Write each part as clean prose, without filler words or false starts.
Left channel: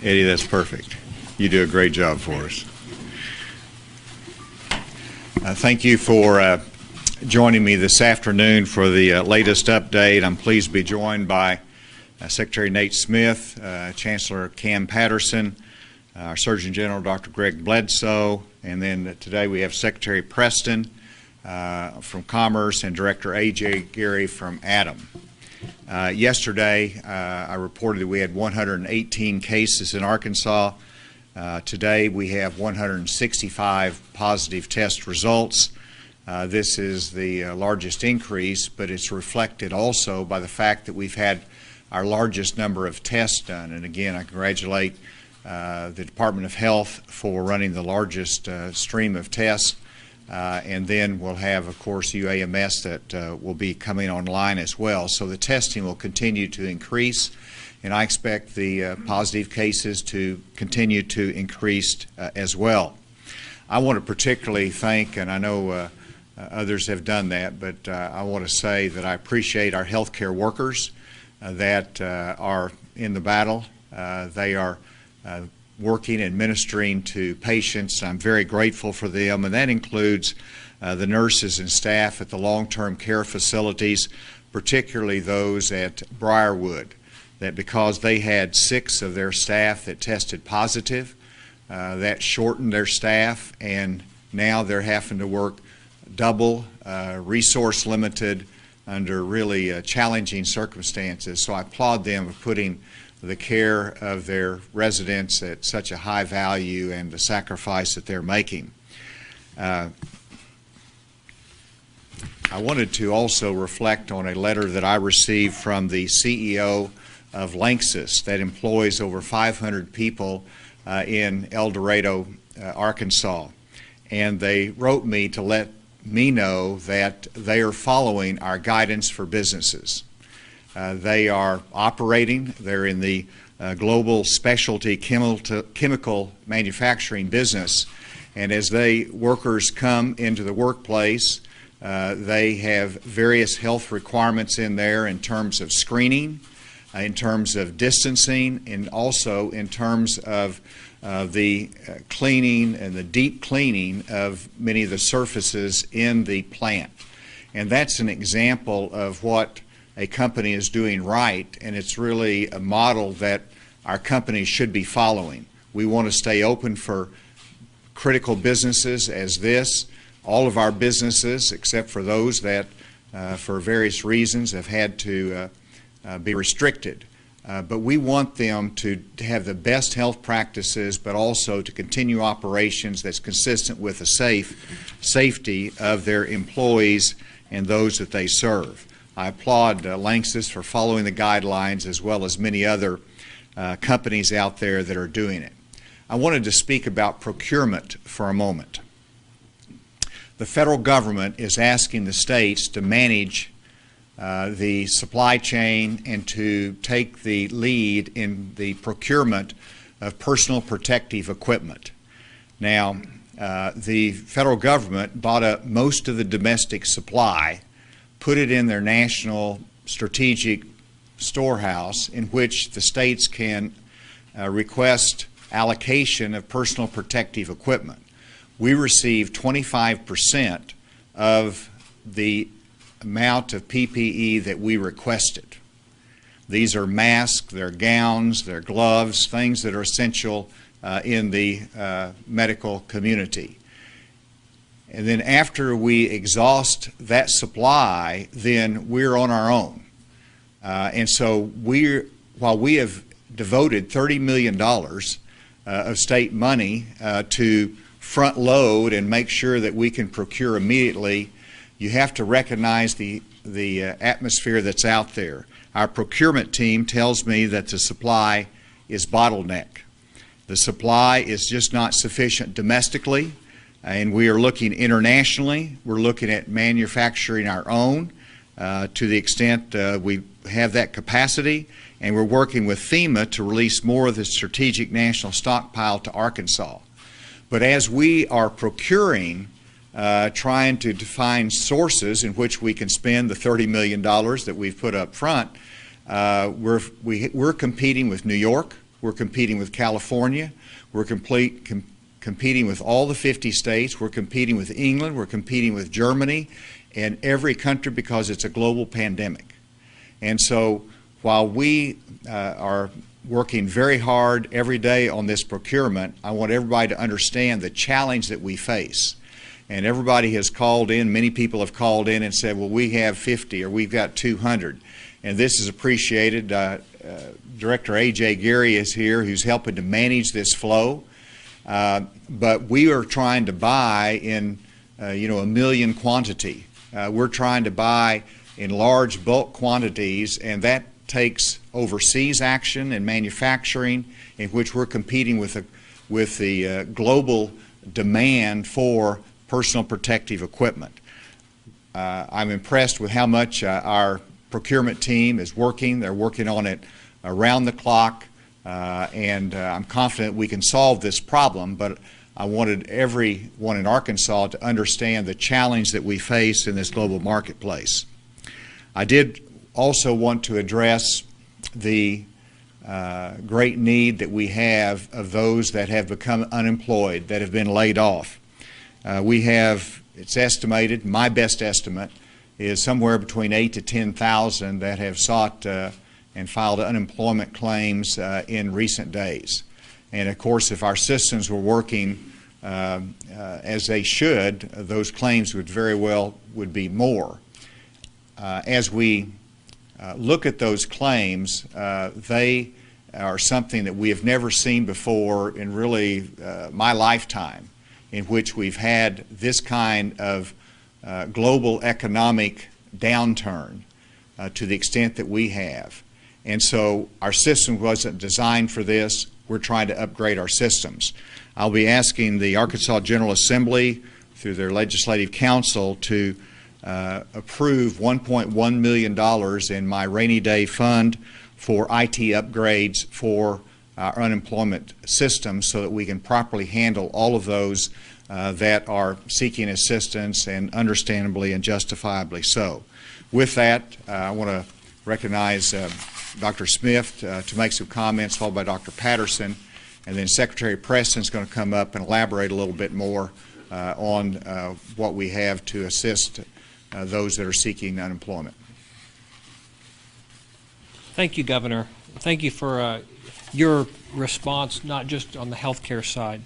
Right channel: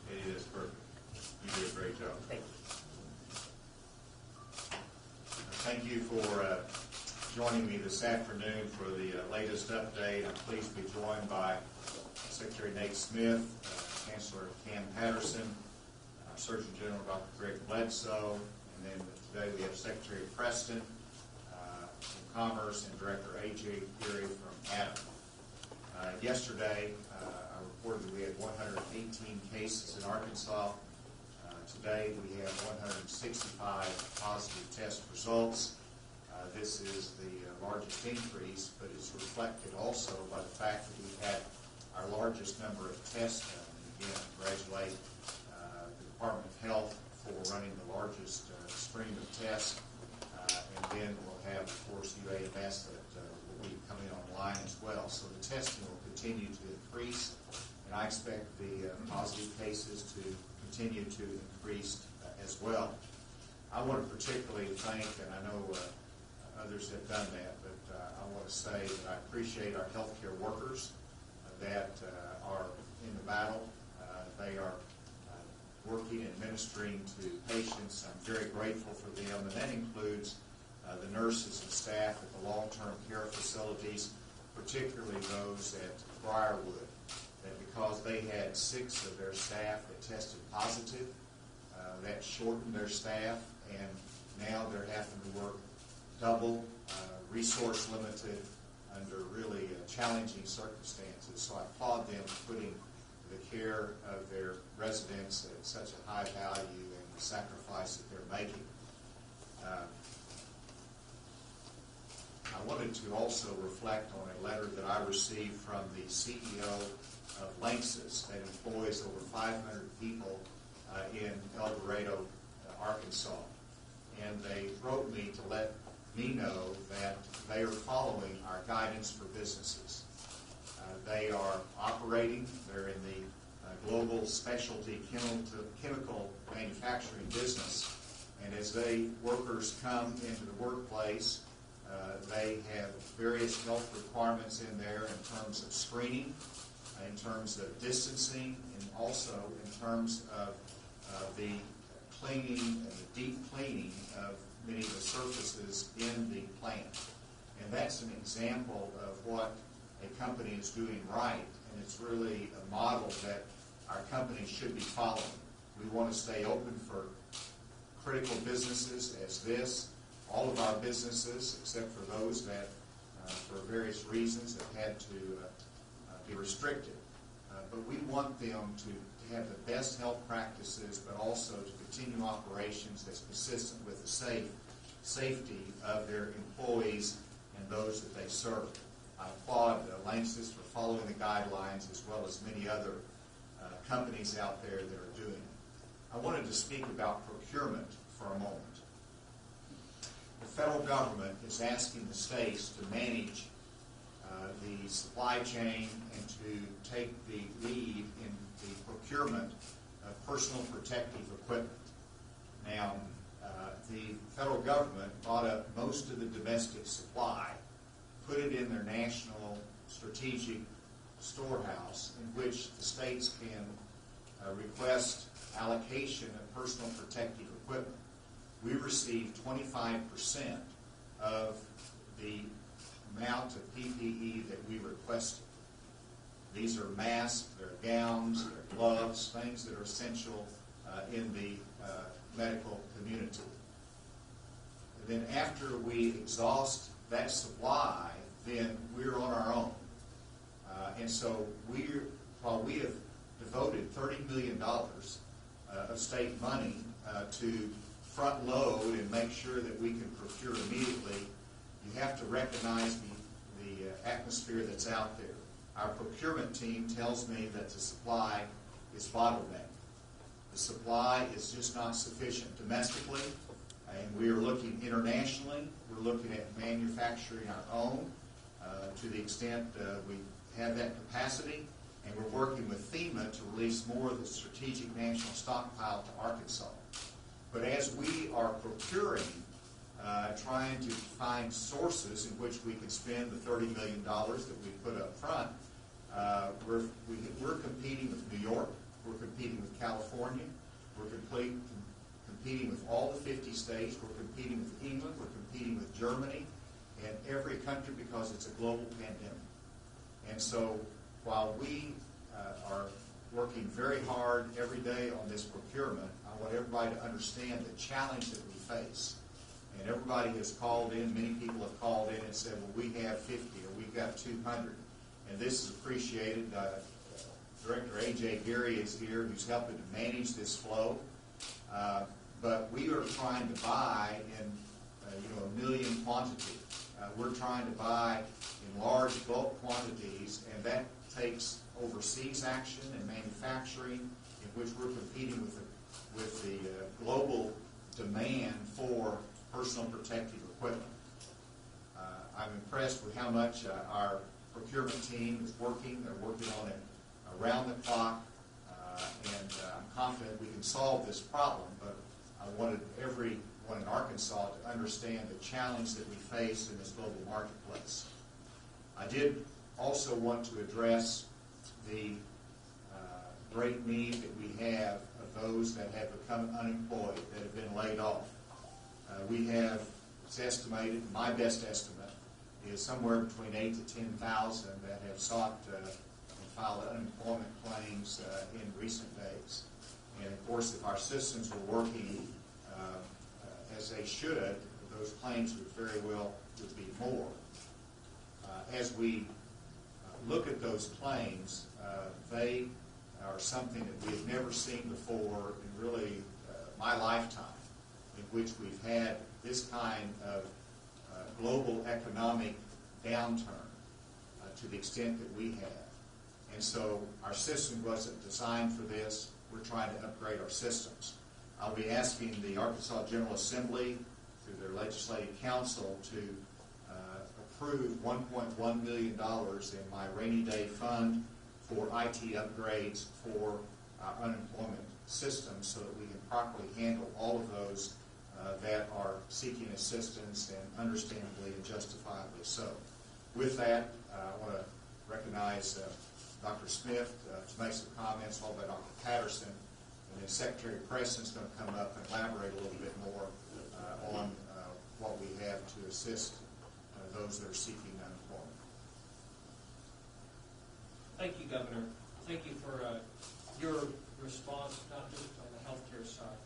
Eddie, that's perfect. You do a great job for us. Thank you for joining me this afternoon for the latest update. I'm pleased to be joined by Secretary Nate Smith, Chancellor Cam Patterson, our Surgeon General Dr. Greg Bledsoe, and then today we have Secretary Preston from Commerce and Director A.J. Gary from ADAM. Yesterday, I reported that we had 118 cases in Arkansas. Today, we have 165 positive test results. This is the largest increase, but it's reflected also by the fact that we've had our largest number of tests done. And again, I congratulate the Department of Health for running the largest stream of tests. And then we'll have, of course, UAMS that will be coming online as well. So the testing will continue to increase, and I expect the positive cases to continue to increase as well. I want to particularly thank, and I know others have done that, but I want to say that I appreciate our healthcare workers that are in the battle. They are working and ministering to patients. I'm very grateful for them, and that includes the nurses and staff at the long-term care facilities, particularly those at Briarwood, that because they had 6 of their staff that tested positive, that shortened their staff, and now they're having to work double, resource limited, under really challenging circumstances. So I applaud them for putting the care of their residents at such a high value and the sacrifice that they're making. I wanted to also reflect on a letter that I received from the CEO of Lanxess that employs over 500 people in El Dorado, Arkansas. And they wrote me to let me know that they are following our guidance for businesses. They are operating. They're in the global specialty chemical manufacturing business. And as workers come into the workplace, they have various health requirements in there in terms of screening, in terms of distancing, and also in terms of the cleaning and the deep cleaning of many of the surfaces in the plant. And that's an example of what a company is doing right, and it's really a model that our companies should be following. We want to stay open for critical businesses as this. All of our businesses, except for those that for various reasons have had to be restricted. But we want them to have the best health practices, but also to continue operations that's consistent with the safety of their employees and those that they serve. I applaud Lanxess for following the guidelines, as well as many other companies out there that are doing it. I wanted to speak about procurement for a moment. The federal government is asking the states to manage the supply chain and to take the lead in the procurement of personal protective equipment. Now, the federal government bought up most of the domestic supply, put it in their national strategic storehouse in which the states can request allocation of personal protective equipment. We received 25% of the amount of PPE that we requested. These are masks, they're gowns, they're gloves, things that are essential in the medical community. And then after we exhaust that supply, then we're on our own. And so while we have devoted $30 million of state money to front load and make sure that we can procure immediately, you have to recognize the atmosphere that's out there. Our procurement team tells me that the supply is bottleneck. The supply is just not sufficient domestically, and we are looking internationally. We're looking at manufacturing our own to the extent we have that capacity, and we're working with FEMA to release more of the strategic national stockpile to Arkansas. But as we are procuring, trying to define sources in which we can spend the $30 million that we've put up front, we're competing with New York, We're competing with California. We're competing with all the 50 states. We're competing with England. We're competing with Germany and every country because it's a global pandemic. And so while we are working very hard every day on this procurement, I want everybody to understand the challenge that we face. And everybody has called in, many people have called in and said, well, we have 50 or we've got 200. And this is appreciated. Director A.J. Geary is here, who's helping to manage this flow. But we are trying to buy in, a million quantity. We're trying to buy in large bulk quantities, and that takes overseas action and manufacturing, in which we're competing with the global demand for personal protective equipment. I'm impressed with how much our procurement team is working. They're working on it around the clock, and I'm confident we can solve this problem, but I wanted everyone in Arkansas to understand the challenge that we face in this global marketplace. I did also want to address the great need that we have of those that have become unemployed, that have been laid off. We have, it's estimated, my best estimate is somewhere between 8,000 to 10,000 that have sought and filed unemployment claims in recent days. And of course, if our systems were working as they should, those claims would very well be more. As we look at those claims, they are something that we have never seen before in really my lifetime, in which we've had this kind of global economic downturn to the extent that we have. And so our system wasn't designed for this. We're trying to upgrade our systems. I'll be asking the Arkansas General Assembly through their Legislative Council to approve $1.1 million in my rainy day fund for IT upgrades for our unemployment system so that we can properly handle all of those that are seeking assistance, and understandably and justifiably so. With that, I want to recognize Dr. Smith to make some comments, followed by Dr. Patterson, and then Secretary Preston is going to come up and elaborate a little bit more on what we have to assist those that are seeking unemployment. Thank you, Governor. Thank you for your response, not just on the healthcare side.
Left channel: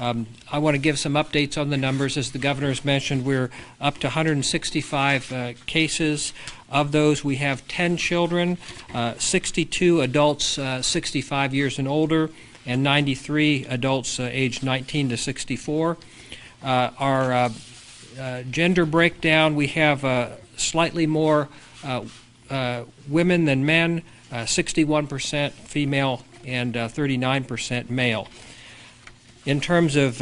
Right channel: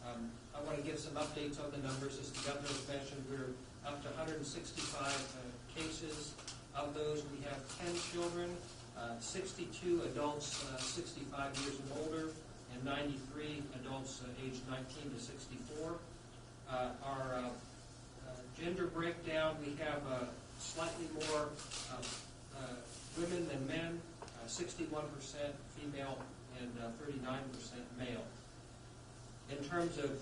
I want to give some updates on the numbers. As the Governor has mentioned, we're up to 165 cases. Of those, we have 10 children, 62 adults 65 years and older, and 93 adults aged 19 to 64. Our gender breakdown, we have slightly more women than men, 61% female and 39% male. In terms of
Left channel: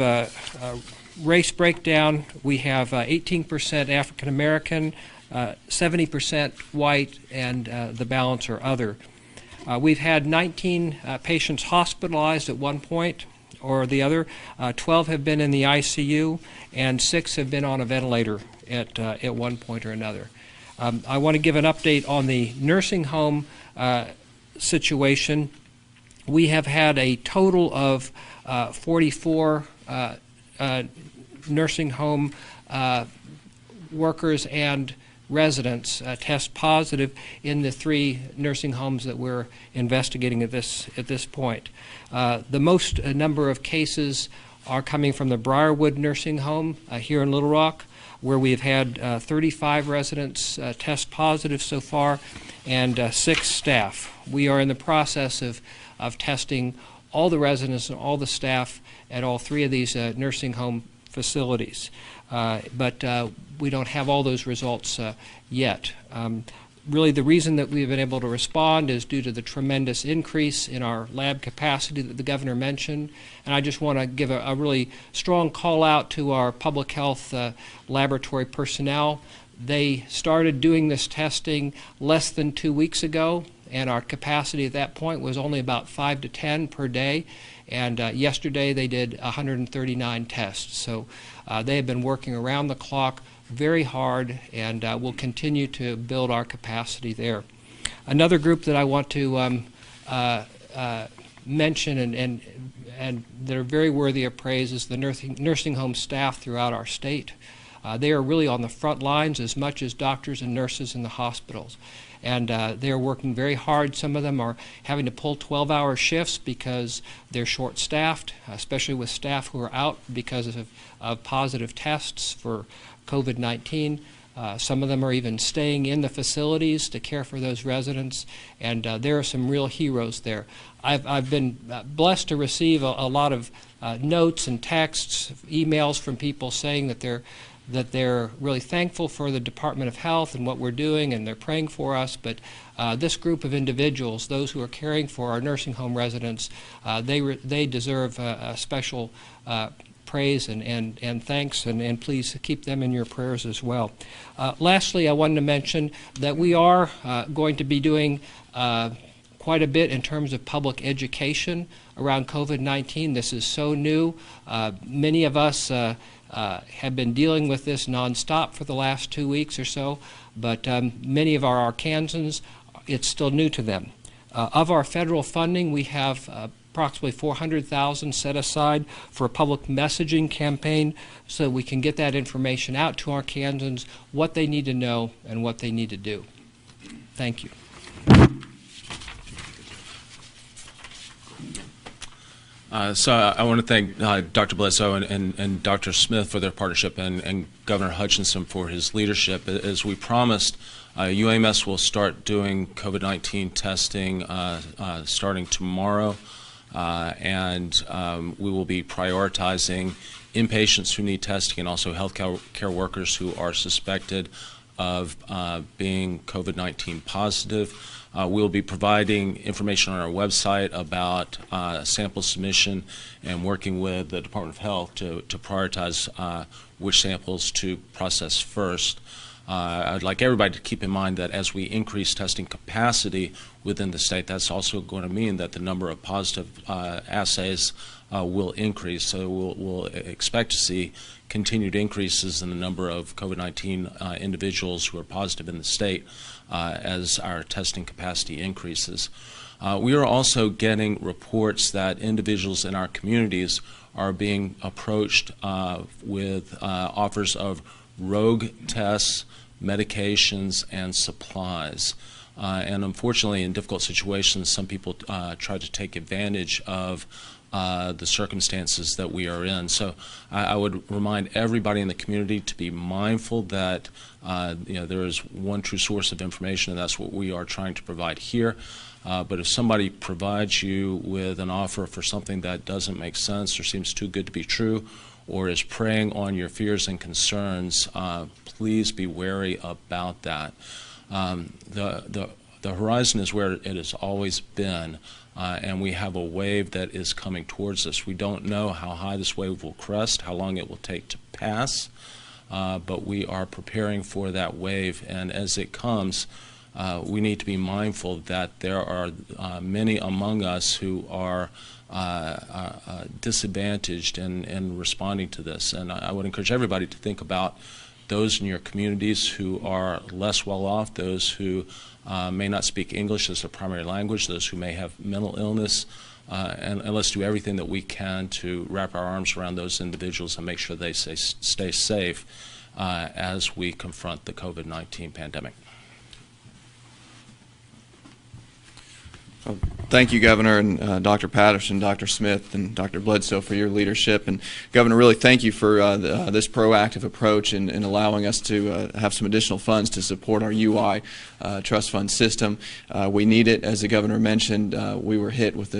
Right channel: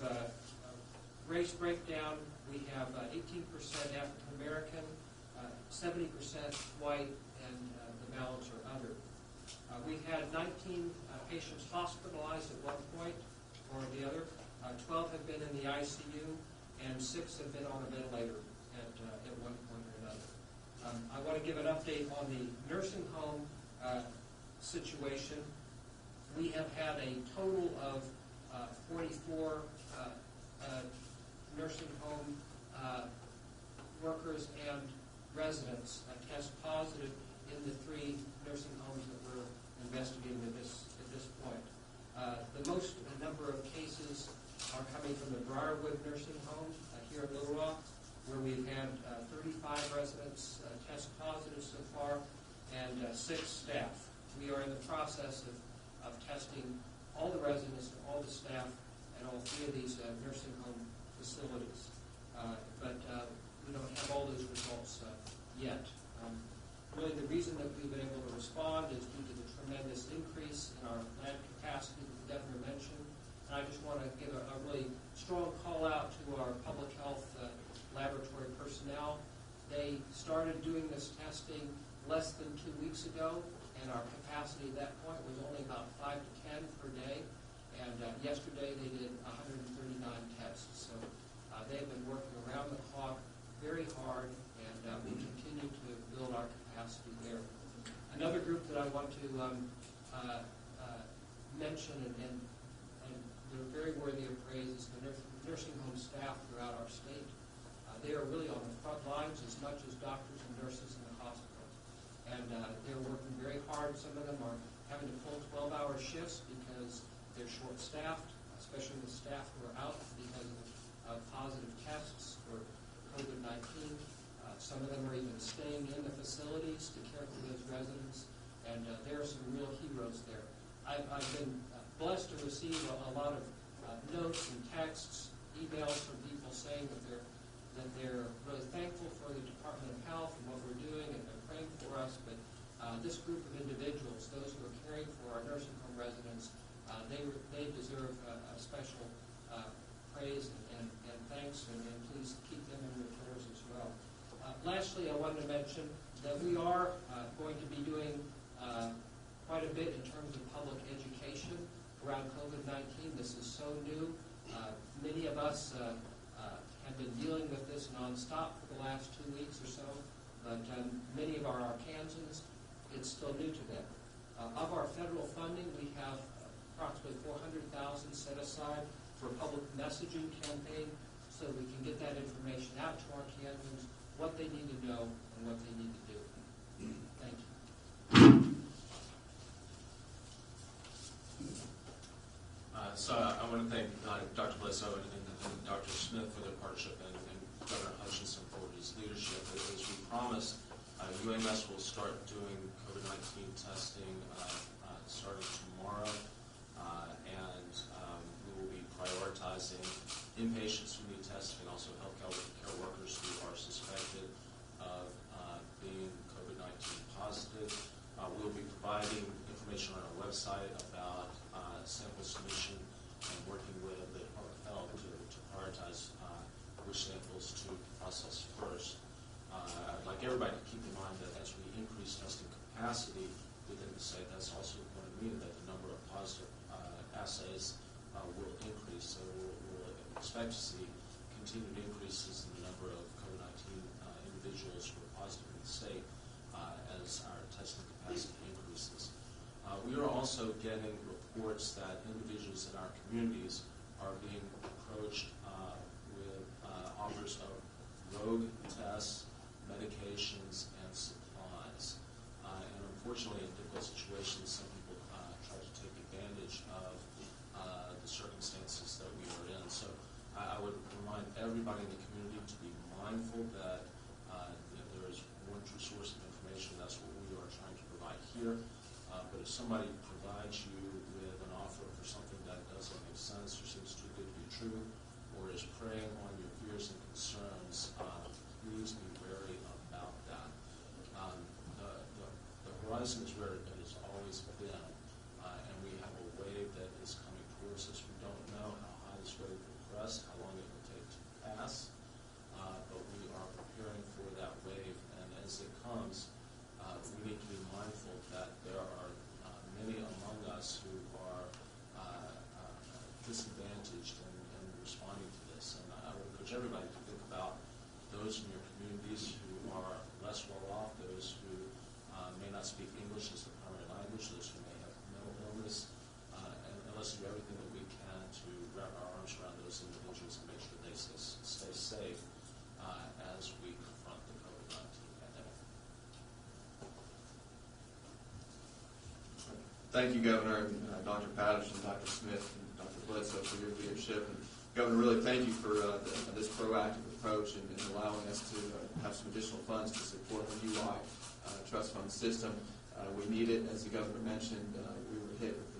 race breakdown, we have 18% African American, 70% white, and the balance are other. We've had 19 patients hospitalized at one point or the other. 12 have been in the ICU, and 6 have been on a ventilator at one point or another. I want to give an update on the nursing home situation. We have had a total of 44 nursing home workers and residents test positive in the 3 nursing homes that we're investigating at this point. The most number of cases are coming from the Briarwood Nursing Home here in Little Rock, where we've had 35 residents test positive so far, and 6 staff. We are in the process of testing all the residents and all the staff at all 3 of these nursing home facilities. But we don't have all those results yet. Really, the reason that we've been able to respond is due to the tremendous increase in our lab capacity that the Governor mentioned. And I just want to give a really strong call out to our public health laboratory personnel. They started doing this testing less than 2 weeks ago, and our capacity at that point was only about 5 to 10 per day. And yesterday they did 139 tests. So they have been working around the clock very hard, and will continue to build our capacity there. Another group that I want to mention and that are very worthy of praise is the nursing home staff throughout our state. They are really on the front lines as much as doctors and nurses in the hospitals. And they're working very hard. Some of them are having to pull 12-hour shifts because they're short-staffed, especially with staff who are out because of positive tests for COVID-19. Some of them are even staying in the facilities to care for those residents, and there are some real heroes there. I've been blessed to receive a lot of notes and texts, emails from people saying that they're really thankful for the Department of Health and what we're doing, and they're praying for us. But this group of individuals, those who are caring for our nursing home residents, they deserve a special praise and thanks, and please keep them in your prayers as well. Lastly, I wanted to mention that we are going to be doing quite a bit in terms of public education around COVID-19. This is so new. Many of us have been dealing with this nonstop for the last 2 weeks or so, but many of our Arkansans, it's still new to them. Of our federal funding, we have approximately $400,000 set aside for a public messaging campaign so we can get that information out to Arkansans, what they need to know and what they need to do. Thank you. So I want to thank Dr. Bledsoe and Dr. Smith for their partnership, and Governor Hutchinson for his leadership. As we promised, UAMS will start doing COVID-19 testing starting tomorrow, and we will be prioritizing inpatients who need testing and also health care workers who are suspected of being COVID-19 positive. We'll be providing information on our website about sample submission and working with the Department of Health to prioritize which samples to process first. I'd like everybody to keep in mind that as we increase testing capacity within the state, that's also going to mean that the number of positive assays will increase. So we'll expect to see continued increases in the number of COVID-19 individuals who are positive in the state as our testing capacity increases. We are also getting reports that individuals in our communities are being approached with offers of rogue tests, medications, and supplies. And unfortunately, in difficult situations, some people try to take advantage of the circumstances that we are in. So I would remind everybody in the community to be mindful that there is one true source of information, and that's what we are trying to provide here. But if somebody provides you with an offer for something that doesn't make sense or seems too good to be true, or is preying on your fears and concerns, please be wary about that. The horizon is where it has always been. And we have a wave that is coming towards us. We don't know how high this wave will crest, how long it will take to pass, but we are preparing for that wave. And as it comes, we need to be mindful that there are many among us who are disadvantaged in responding to this. And I would encourage everybody to think about those in your communities who are less well off, those who may not speak English as their primary language, those who may have mental illness, and let's do everything that we can to wrap our arms around those individuals and make sure they stay safe as we confront the COVID-19 pandemic. Thank you, Governor, and Dr. Patterson, Dr. Smith, and Dr. Bledsoe for your leadership. And Governor, really thank you for this proactive approach in allowing us to have some additional funds to support our UI trust fund system. We need it. As the Governor mentioned, we were hit with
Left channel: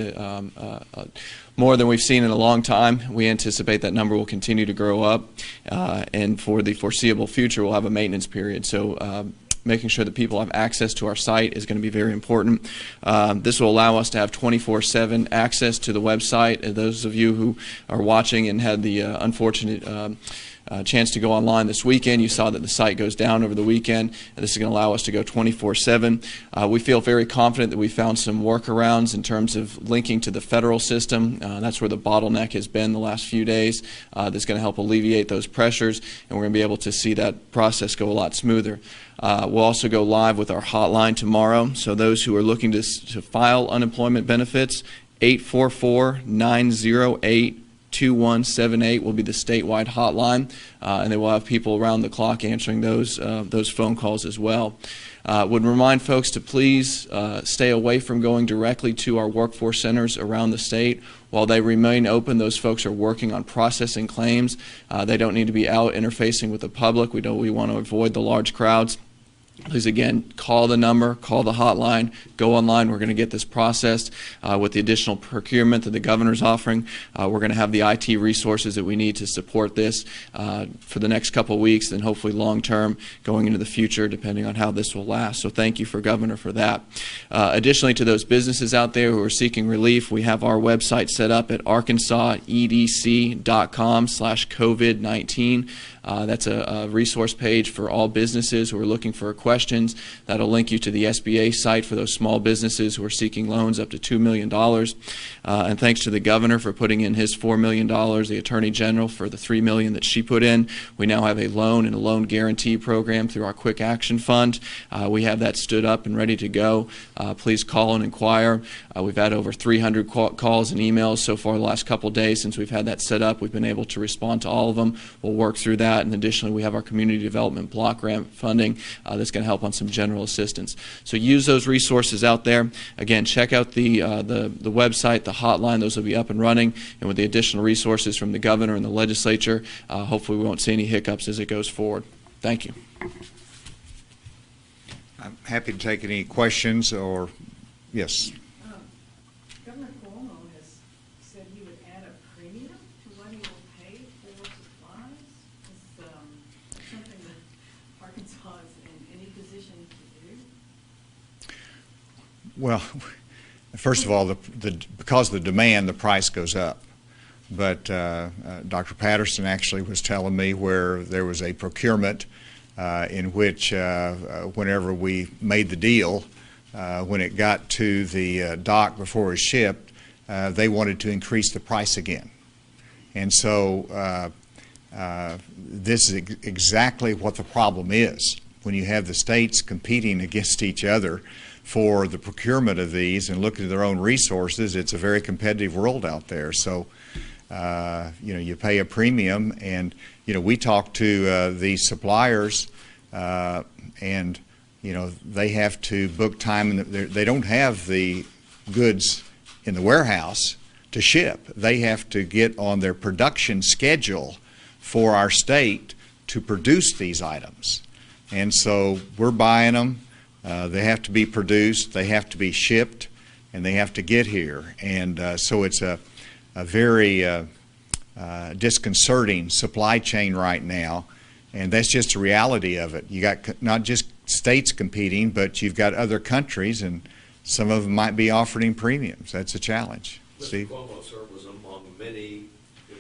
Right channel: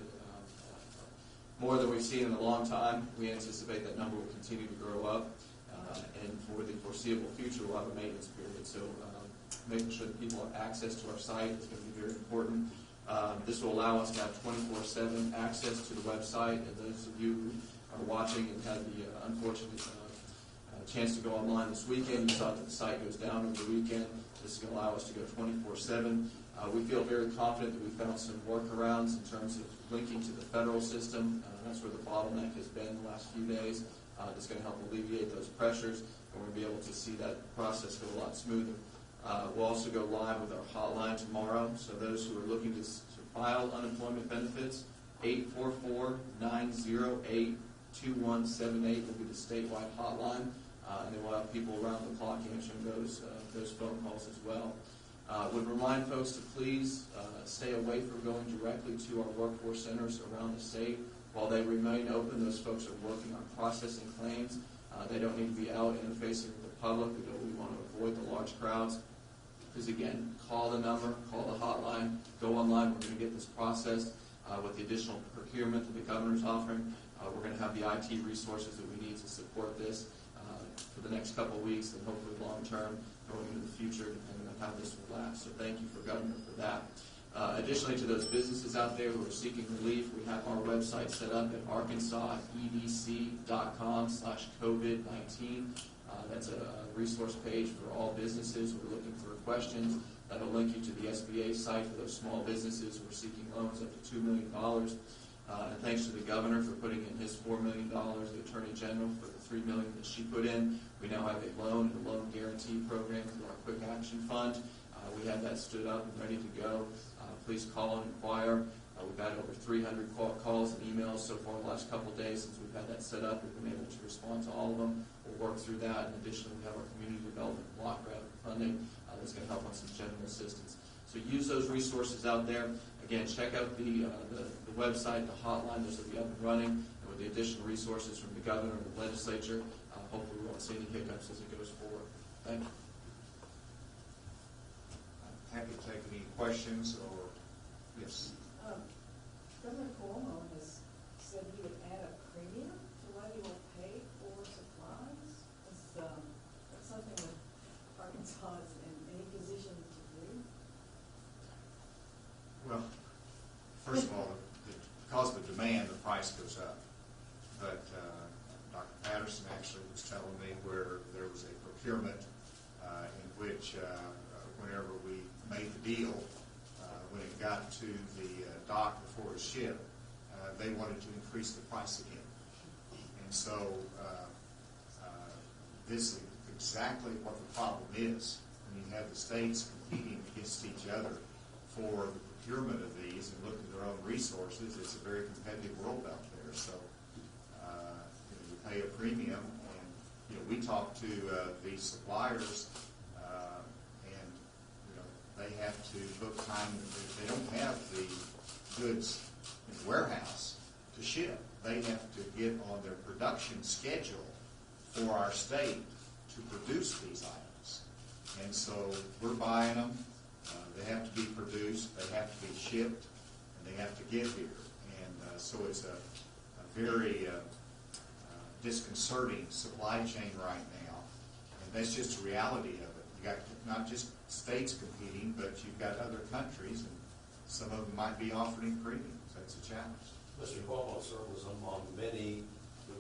more than we've seen in a long time. We anticipate that number will continue to grow up, and for the foreseeable future, we'll have a maintenance period. So making sure that people have access to our site is going to be very important. This will allow us to have 24/7 access to the website. And those of you who are watching and had the unfortunate chance to go online this weekend, you saw that the site goes down over the weekend, and this is going to allow us to go 24/7. We feel very confident that we found some workarounds in terms of linking to the federal system. That's where the bottleneck has been the last few days. That's going to help alleviate those pressures, and we're going to be able to see that process go a lot smoother. We'll also go live with our hotline tomorrow, so those who are looking to file unemployment benefits 844-908-2178 will be the statewide hotline, and they will have people around the clock answering those phone calls as well. Would remind folks to please stay away from going directly to our workforce centers around the state. While they remain open, those folks are working on processing claims. They don't need to be out interfacing with the public. We want to avoid the large crowds. Please, again, call the number, call the hotline, go online. We're going to get this processed with the additional procurement that the governor's offering. We're going to have the IT resources that we need to support this for the next couple of weeks and hopefully long-term going into the future, depending on how this will last. So thank you, Governor, for that. Additionally, to those businesses out there who are seeking relief, we have our website set up at arkansasedc.com/COVID-19. That's a resource page for all businesses who are looking for questions. That'll link you to the SBA site for those small businesses who are seeking loans up to $2 million. And thanks to the governor for putting in his $4 million, the Attorney General for the $3 million that she put in. We now have a loan and a loan guarantee program through our Quick Action Fund. We have that stood up and ready to go. Please call and inquire. We've had over 300 calls and emails so far the last couple days since we've had that set up. We've been able to respond to all of them. We'll work through that. And additionally, we have our community development block grant funding that's going to help on some general assistance. So use those resources out there. Again, check out the website, the hotline. Those will be up and running. And with the additional resources from the governor and the legislature, hopefully we won't see any hiccups as it goes forward. Thank you. I'm happy to take any questions or, yes. Governor Cuomo has said he would add a premium to what he will pay for supplies. Is that something that Arkansas is in any position to do? Well, first of all, because of the demand, the price goes up. But Dr. Patterson actually was telling me where there was a procurement in which whenever we made the deal, when it got to the dock before it was shipped, they wanted to increase the price again. And so this is exactly what the problem is. When you have the states competing against each other for the procurement of these and looking at their own resources, it's a very competitive world out there. So, you pay a premium, and, we talk to the suppliers, and, they have to book time, and they don't have the goods in the warehouse to ship. They have to get on their production schedule for our state to produce these items. And so we're buying them. They have to be produced, they have to be shipped, and they have to get here. And so it's a very disconcerting supply chain right now, and that's just a reality of it. You got not just states competing, but you've got other countries, and some of them might be offering premiums. That's a challenge. Mr. Cuomo, sir, was among many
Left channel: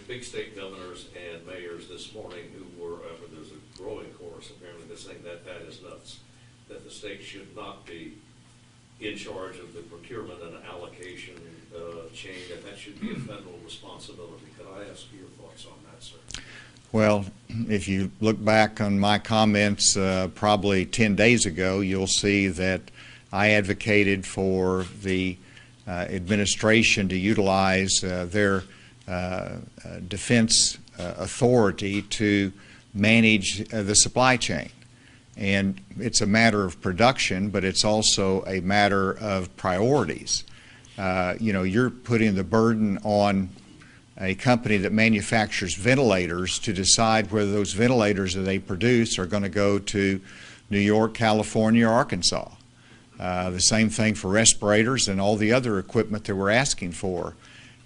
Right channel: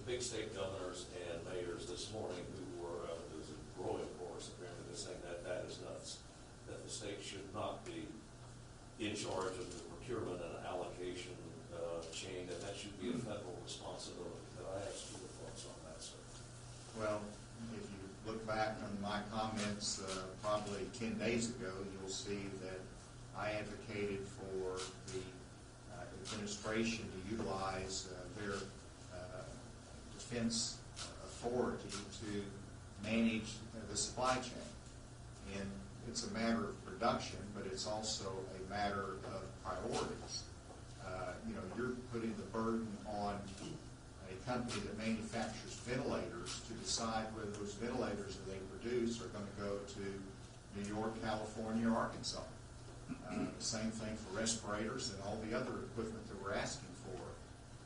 big state governors and mayors this morning who were, there's a growing chorus apparently that's saying that that is nuts, that the state should not be in charge of the procurement and allocation chain, and that should be a federal responsibility. Could I ask your thoughts on that, sir? Well, if you look back on my comments probably 10 days ago, you'll see that I advocated for the administration to utilize their defense authority to manage the supply chain. And it's a matter of production, but it's also a matter of priorities. You're putting the burden on a company that manufactures ventilators to decide whether those ventilators that they produce are going to go to New York, California, or Arkansas. The same thing for respirators and all the other equipment that we're asking for.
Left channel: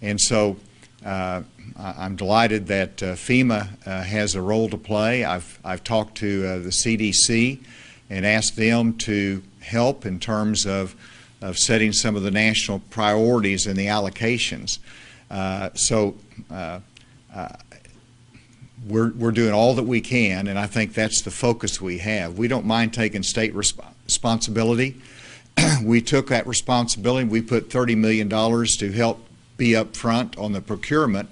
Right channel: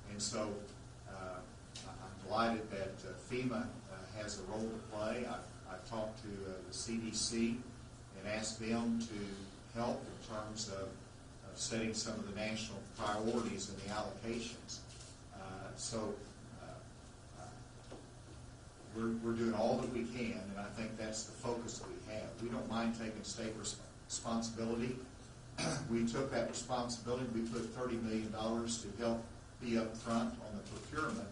And so I'm delighted that FEMA has a role to play. I've talked to the CDC and asked them to help in terms of setting some of the national priorities in the allocations. We're doing all that we can, and I think that's the focus we have. We don't mind taking state responsibility. We took that responsibility. We put $30 million to help be up front on the procurement,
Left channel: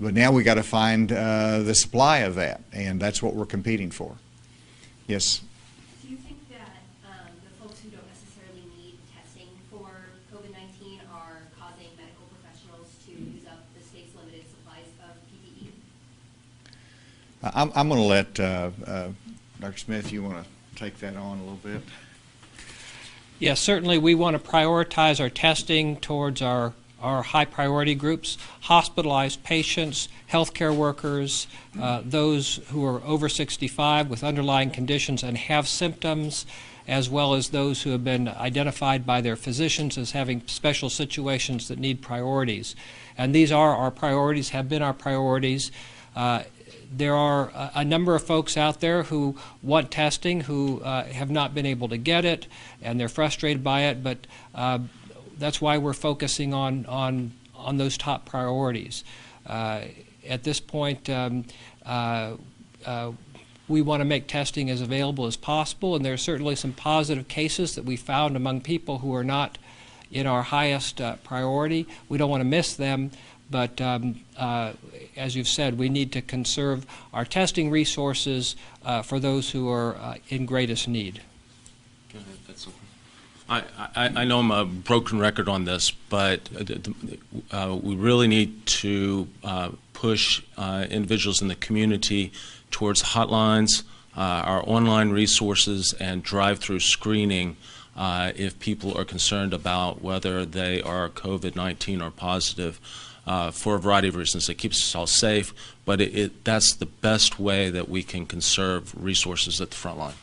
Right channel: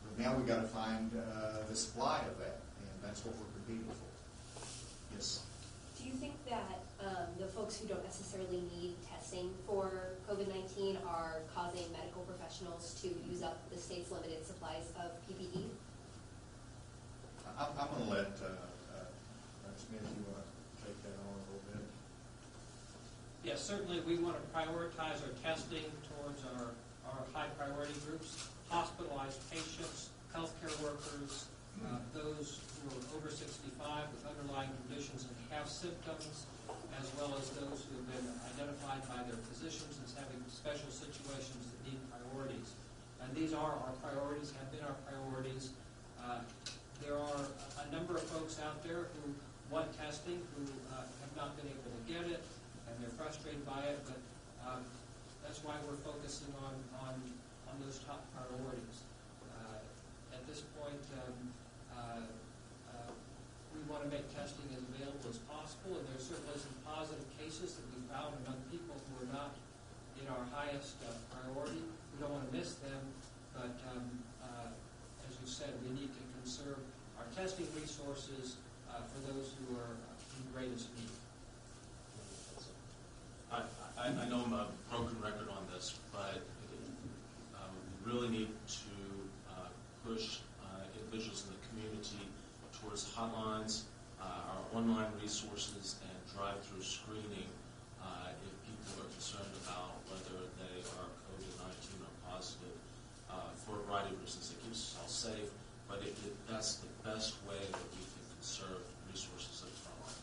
but now we got to find the supply of that, and that's what we're competing for. Yes? Do you think that the folks who don't necessarily need testing for COVID-19 are causing medical I'm going to let Dr. Smith, you want to take that on a little bit? Yes, certainly we want to prioritize our testing towards our high priority groups: hospitalized patients, healthcare workers, those who are over 65 with underlying conditions and have symptoms, as well as those who have been identified by their physicians as having special situations that need priorities. And these are our priorities, have been our priorities. There are a number of folks out there who want testing, who have not been able to get it, and they're frustrated by it, but that's why we're focusing on those top priorities. At this point, we want to make testing as available as possible, and there are certainly some positive cases that we found among people who are not in our highest priority. We don't want to miss them, but as you've said, we need to conserve our testing resources for those who are in greatest need. I know I'm a broken record on this, but we really need to push individuals in the community towards hotlines, our online resources, and drive-through screening if people are concerned about whether they are COVID-19 or positive for a variety of reasons. It keeps us all safe, but that's the best way that we can conserve resources at the front line.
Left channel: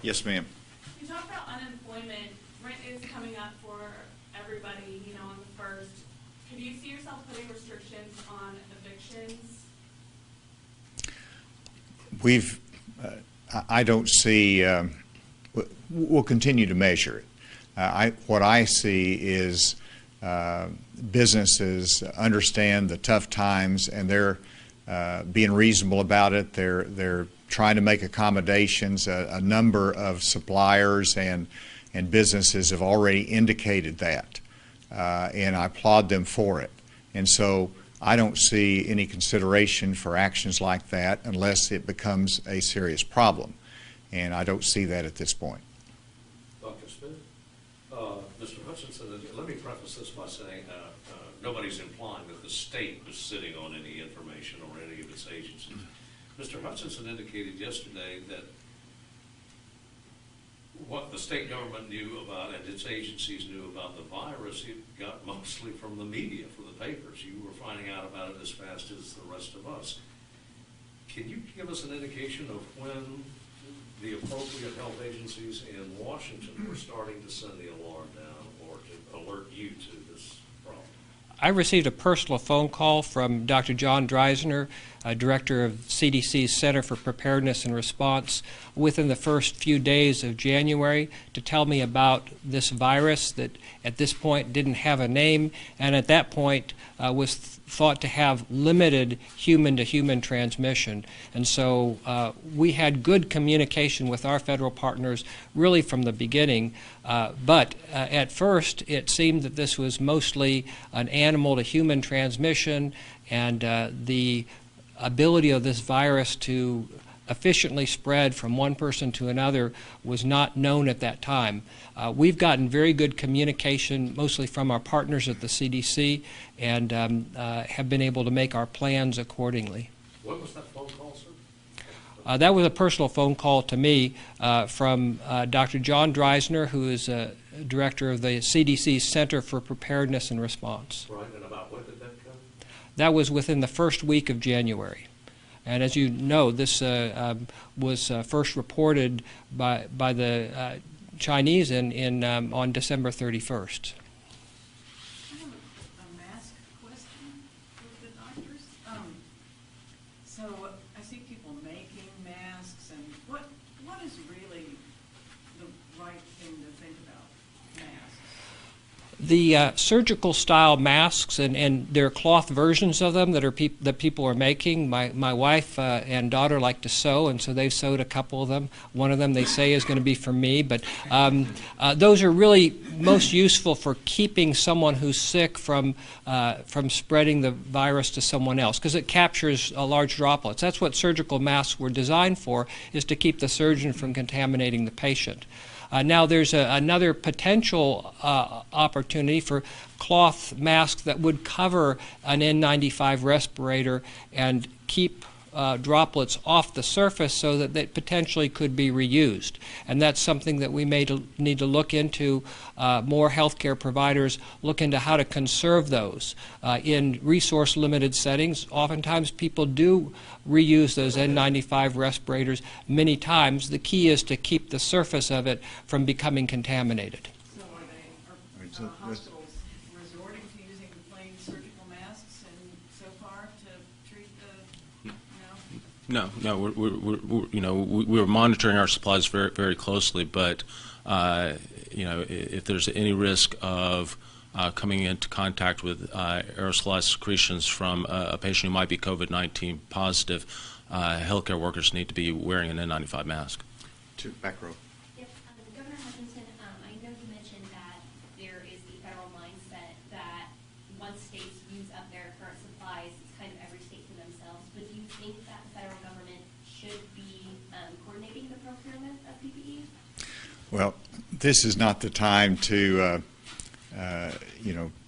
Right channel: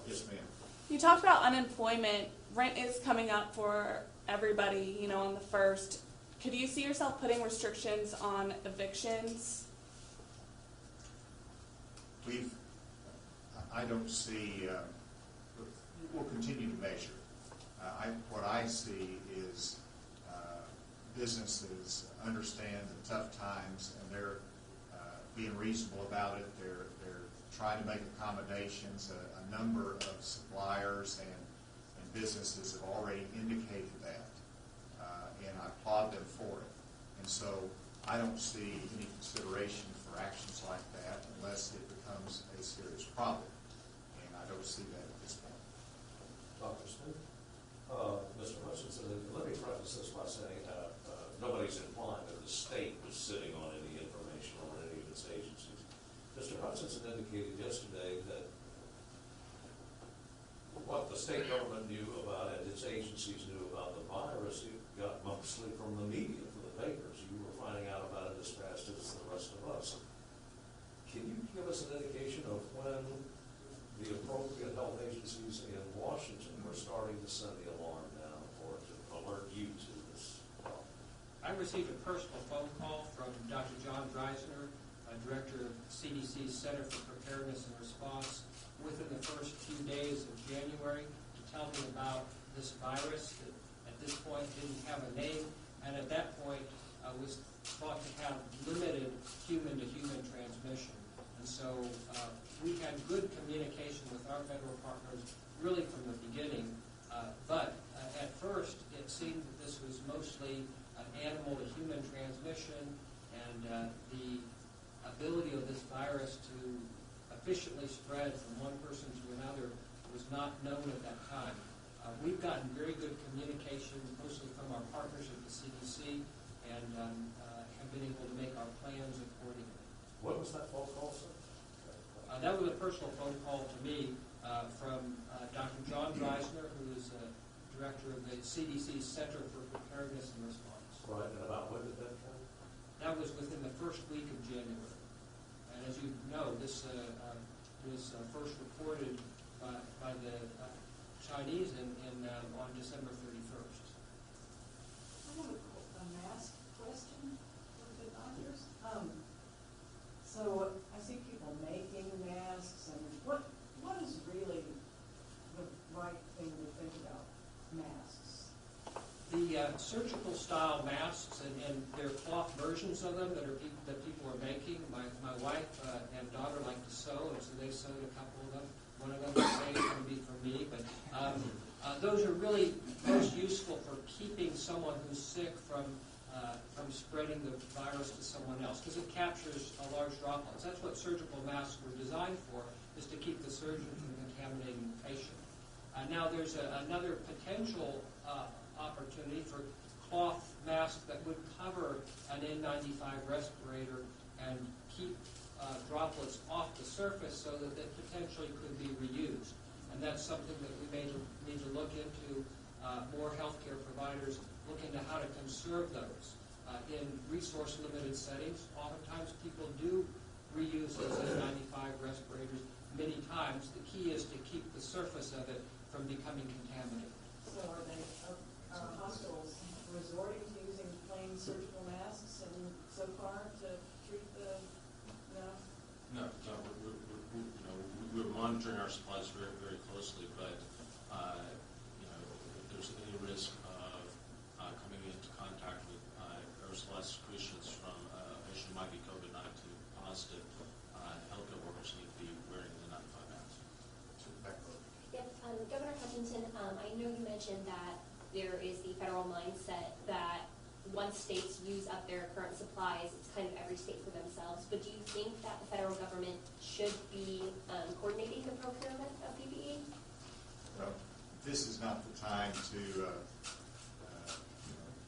Yes, ma'am. You talked about unemployment. Rent is coming up for everybody, you know, on the 1st. Could you see yourself putting restrictions on evictions? I don't see, we'll continue to measure it. What I see is businesses understand the tough times, and they're being reasonable about it. They're trying to make accommodations. A number of suppliers and businesses have already indicated that, and I applaud them for it. And so I don't see any consideration for actions like that unless it becomes a serious problem, and I don't see that at this point. Dr. Smith, Mr. Hutchinson, let me preface this by saying nobody's implying that the state was sitting on any information or any of its agencies. Mr. Hutchinson indicated yesterday that what the state government knew about and its agencies knew about the virus, it got mostly from the media, from the papers. You were finding out about it as fast as the rest of us. Can you give us an indication of when the appropriate health agencies in Washington were starting to send the alarm down or to alert you to this problem? I received a personal phone call from Dr. John Dreisner, Director of CDC's Center for Preparedness and Response, within the first few days of January to tell me about this virus that at this point didn't have a name, and at that point was thought to have limited human-to-human transmission. And so we had good communication with our federal partners really from the beginning, but at first it seemed that this was mostly an animal-to-human transmission, and the ability of this virus to efficiently spread from one person to another was not known at that time. We've gotten very good communication, mostly from our partners at the CDC, and have been able to make our plans accordingly. What was that phone call, sir? That was a personal phone call to me from Dr. John Dreisner, who is director of the CDC's Center for Preparedness and Response. Right, and about when did that come? That was within the first week of January. And as you know, this was first reported by the Chinese on December 31st. I have a mask question for the doctors. So I see people making masks, and what is really the right thing to think about masks? The surgical style masks, and there are cloth versions of them that people are making. My wife and daughter like to sew, and so they've sewed a couple of them. One of them they say is going to be for me, but those are really most useful for keeping someone who's sick from spreading the virus to someone else, because it captures large droplets. That's what surgical masks were designed for, is to keep the surgeon from contaminating the patient. Now there's another potential opportunity for cloth masks that would cover an N95 respirator and keep droplets off the surface so that they potentially could be reused. And that's something that we may need to look into. More healthcare providers look into how to conserve those. In resource-limited settings, oftentimes people do reuse those N95 respirators many times. The key is to keep the surface of it from becoming contaminated. So are hospitals resorting to using plain surgical masks and so far to treat the, you know? No. We're monitoring our supplies very, very closely, but if there's any risk of coming into contact with aerosolized secretions from a patient who might be COVID-19 positive, healthcare workers need to be wearing an N95 mask. Back row. Yes, Governor Hutchinson, I know you mentioned that there is the federal mindset that once states use up their current supplies, it's kind of every state for themselves. But do you think that the federal government should be coordinating the procurement of PPE? Well, this is not the time to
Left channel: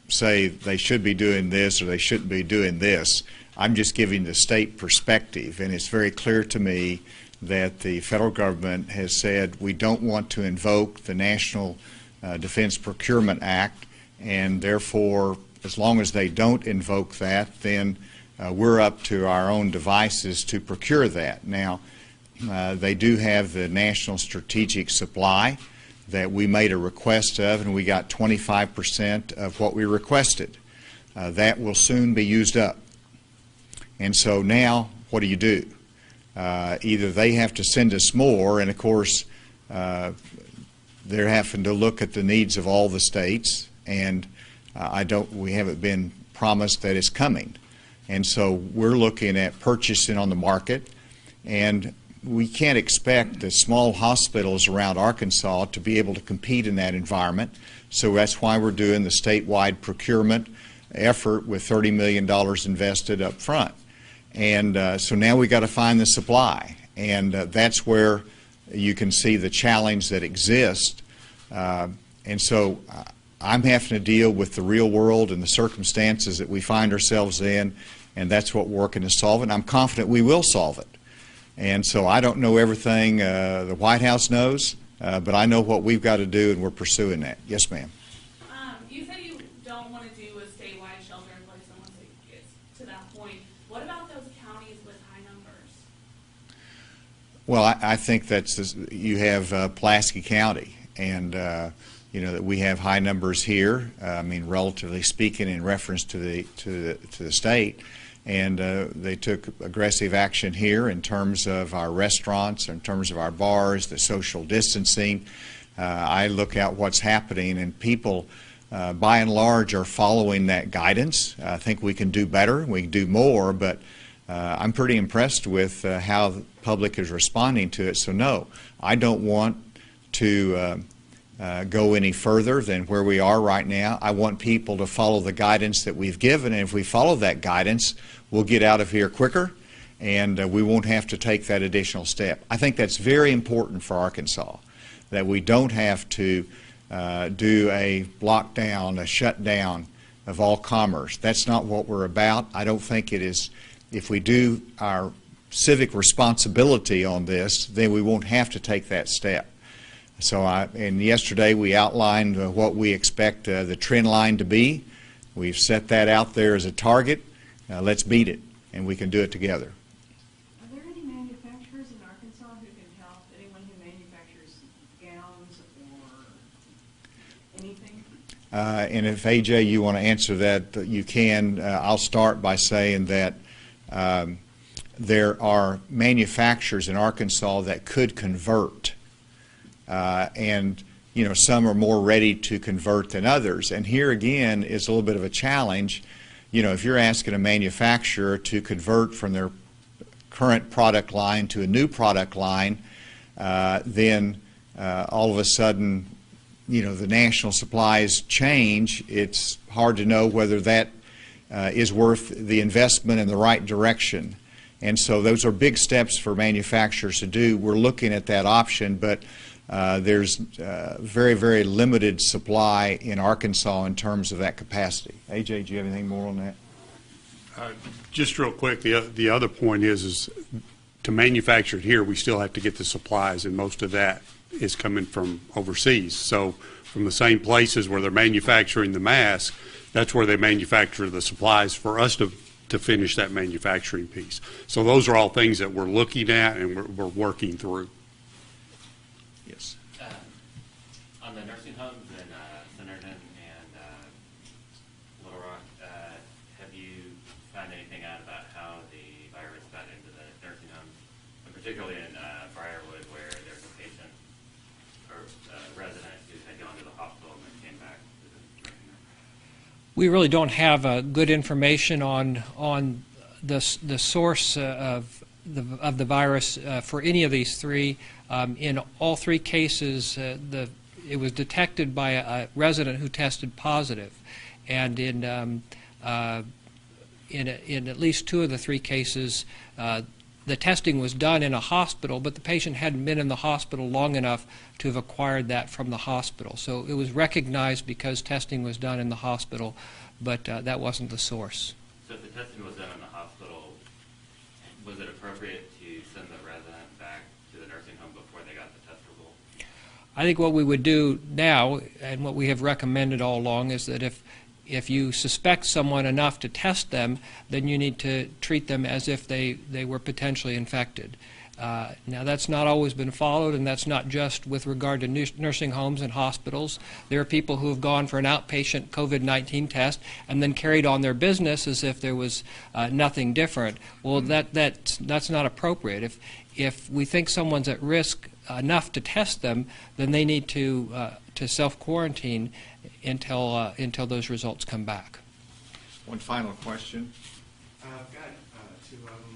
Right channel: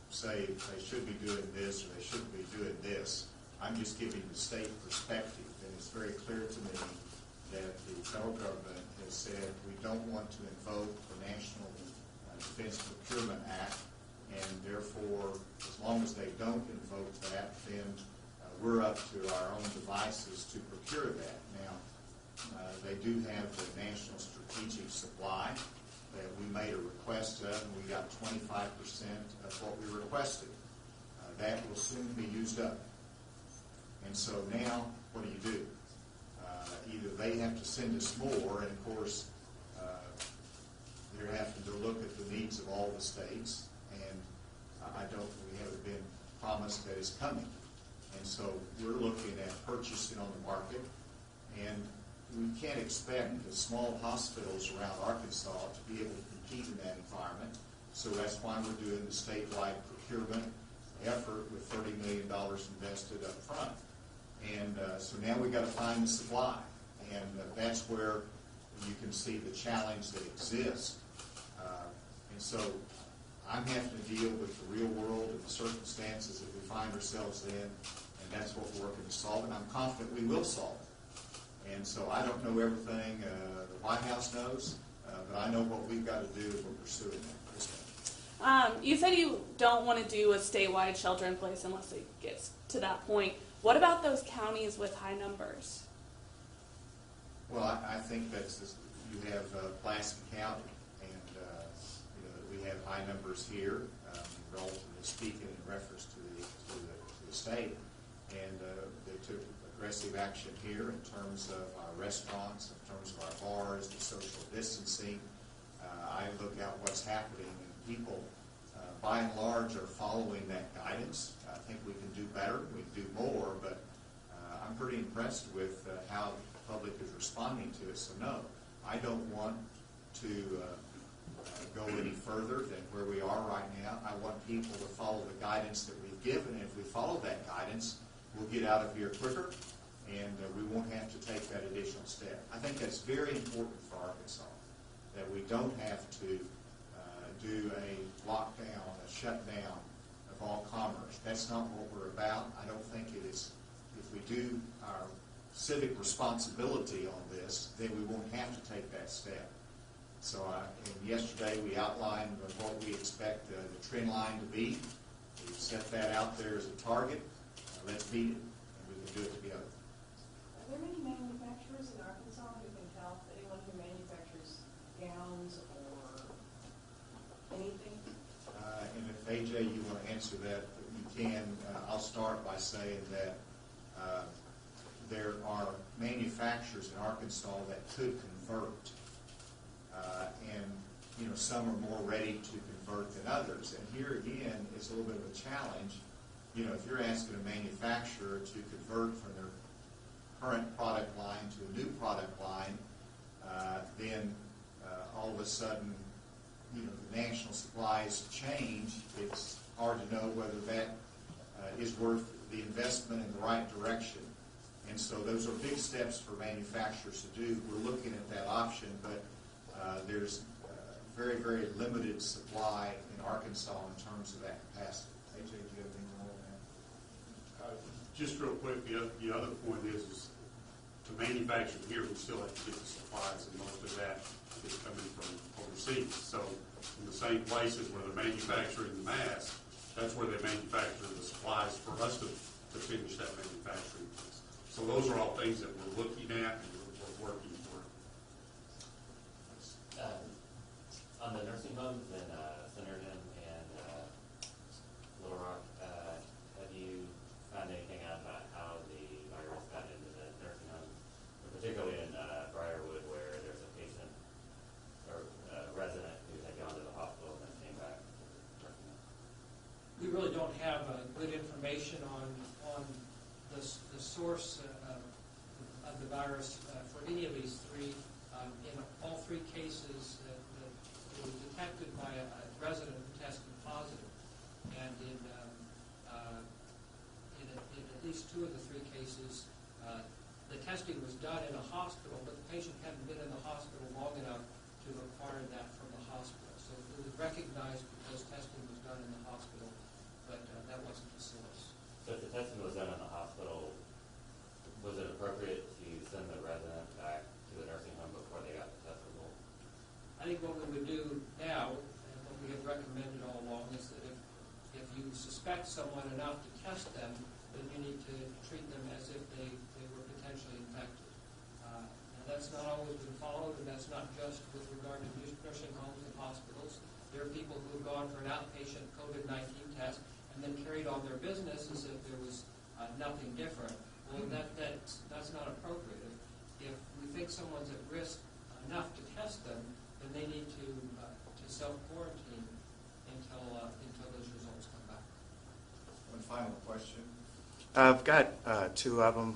say they should be doing this or they shouldn't be doing this. I'm just giving the state perspective, and it's very clear to me that the federal government has said we don't want to invoke the National Defense Procurement Act, and therefore, as long as they don't invoke that, then we're up to our own devices to procure that. Now, they do have the National Strategic Supply that we made a request of, and we got 25% of what we requested. That will soon be used up. And so now, what do? Either they have to send us more, and of course, they're having to look at the needs of all the states, and we haven't been promised that it's coming. And so we're looking at purchasing on the market, and we can't expect the small hospitals around Arkansas to be able to compete in that environment. So that's why we're doing the statewide procurement effort with $30 million invested up front. And so now we got to find the supply. And that's where you can see the challenge that exists. And so I'm having to deal with the real world and the circumstances that we find ourselves in, and that's what we're working to solve. And I'm confident we will solve it. And so I don't know everything the White House knows, but I know what we've got to do, and we're pursuing that. Yes, ma'am. You said you don't want to do a statewide shelter in place unless it gets to that point. What about those counties with high numbers? Well, I think that's you have Pulaski County, and that we have high numbers here. I mean, relatively speaking, in reference to the state. And they took aggressive action here in terms of our restaurants, in terms of our bars, the social distancing. I look at what's happening, and people, by and large, are following that guidance. I think we can do better, we can do more, but I'm pretty impressed with how the public is responding to it. So no, I don't want to go any further than where we are right now. I want people to follow the guidance that we've given, and if we follow that guidance, we'll get out of here quicker, and we won't have to take that additional step. I think that's very important for Arkansas, that we don't have to do a lockdown, a shutdown of all commerce. That's not what we're about. I don't think it is. If we do our civic responsibility on this, then we won't have to take that step. So and yesterday we outlined what we expect the trend line to be. We've set that out there as a target. Let's beat it, and we can do it together. Are there any manufacturers in Arkansas who can help? Anyone who manufactures gowns or anything? And if, AJ, you want to answer that, you can. I'll start by saying that there are manufacturers in Arkansas that could convert, and some are more ready to convert than others. And here again is a little bit of a challenge. If you're asking a manufacturer to convert from their current product line to a new product line, then all of a sudden, the national supplies change. It's hard to know whether that is worth the investment in the right direction. And so those are big steps for manufacturers to do. We're looking at that option, but there's very, very limited supply in Arkansas in terms of that capacity. AJ, do you have anything more on that? Just real quick, the other point is to manufacture it here, we still have to get the supplies, and most of that is coming from overseas. So from the same places where they're manufacturing the mask, that's where they manufacture the supplies for us to finish that manufacturing piece. So those are all things that we're looking at and we're working through. Yes. On the nursing homes in Centerton and Little Rock, have you found anything out about how the virus got into the nursing homes, and particularly in Briarwood, where there's a patient or resident who had gone to the hospital and came back? We really don't have good information on the source of the virus for any of these three. In all three cases, it was detected by a resident who tested positive, and in at least two of the three cases, the testing was done in a hospital, but the patient hadn't been in the hospital long enough to have acquired that from the hospital. So it was recognized because testing was done in the hospital, but that wasn't the source. So if the testing was done in the hospital, was it appropriate to send the resident back to the nursing home before they got the test result? I think what we would do now, and what we have recommended all along, is that if you suspect someone enough to test them, then you need to treat them as if they were potentially infected. Now, that's not always been followed, and that's not just with regard to nursing homes and hospitals. There are people who have gone for an outpatient COVID-19 test and then carried on their business as if there was nothing different. Well, that's not appropriate. If we think someone's at risk enough to test them, then they need to self-quarantine until those results come back. One final question. I've got two of them.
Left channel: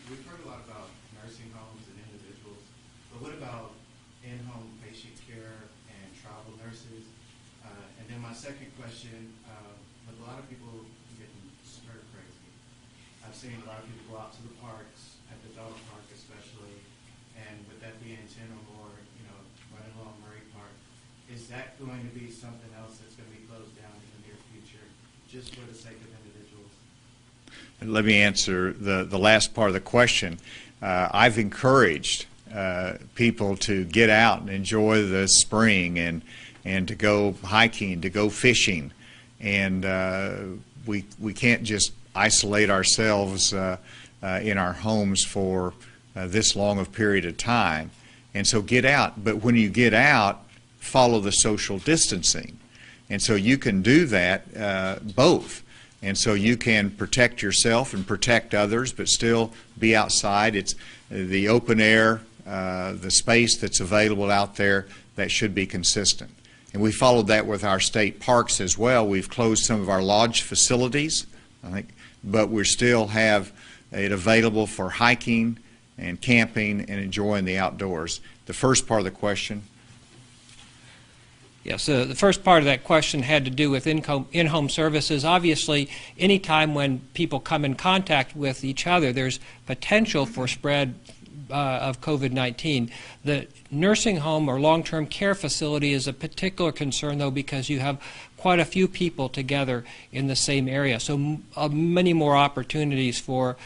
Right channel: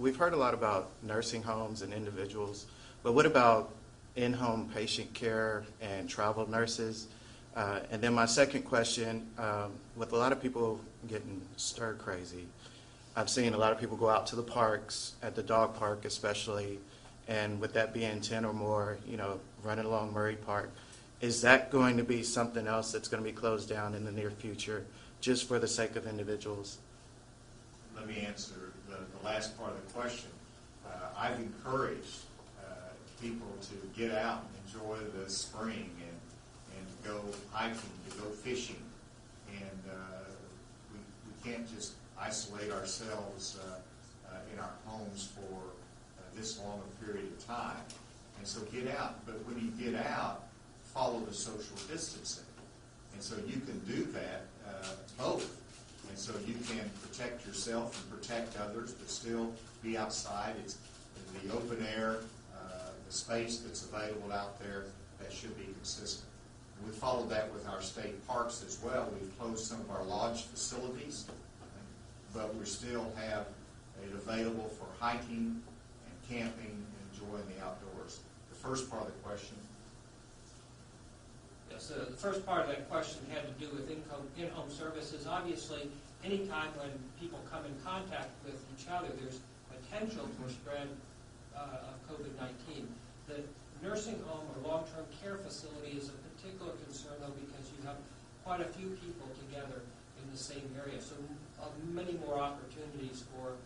We've heard a lot about nursing homes and individuals, but what about in-home patient care and travel nurses? And then my second question, with a lot of people getting stir crazy, I've seen a lot of people go out to the parks, at the dog park especially, and with that being 10 or more, running along Murray Park, is that going to be something else that's going to be closed down in the near future, just for the sake of individuals? Let me answer the last part of the question. I've encouraged people to get out and enjoy the spring and to go hiking, to go fishing, and we can't just isolate ourselves in our homes for this long of period of time. And so get out, but when you get out, follow the social distancing. And so you can do that both. And so you can protect yourself and protect others, but still be outside. It's the open air, the space that's available out there, that should be consistent. And we followed that with our state parks as well. We've closed some of our lodge facilities, I think, but we still have it available for hiking and camping and enjoying the outdoors. The first part of the question. Yes, the first part of that question had to do with in-home services. Obviously, any time when people come in contact with each other, there's potential for spread of COVID-19. The nursing home or long-term care facility is a particular concern, though, because you have quite a few people together in the same area. So many more opportunities for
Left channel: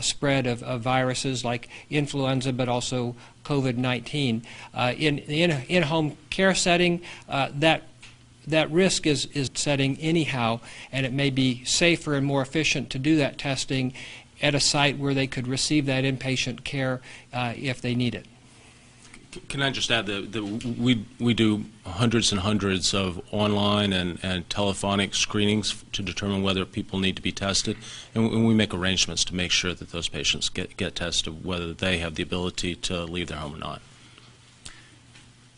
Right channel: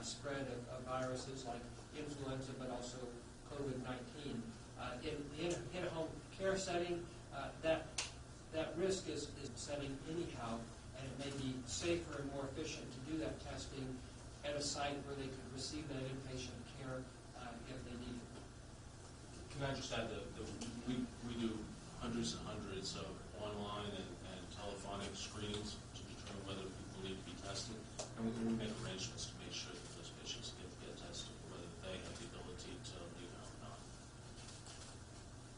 spread of viruses like influenza, but also COVID-19. In the in-home care setting, that risk is setting anyhow, and it may be safer and more efficient to do that testing at a site where they could receive that inpatient care if they need it. Can I just add that we do hundreds and hundreds of online and telephonic screenings to determine whether people need to be tested, and we make arrangements to make sure that those patients get tested, whether they have the ability to leave their home or not.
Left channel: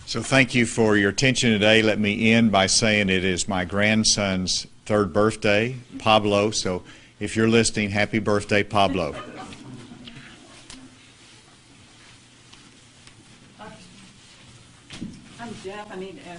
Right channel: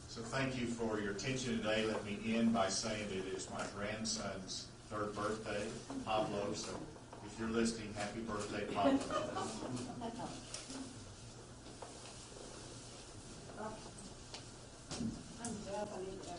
So thank you for your attention today. Let me end by saying it is my grandson's 3rd birthday, Pablo, so if you're listening, happy birthday, Pablo. I'm deaf. I need to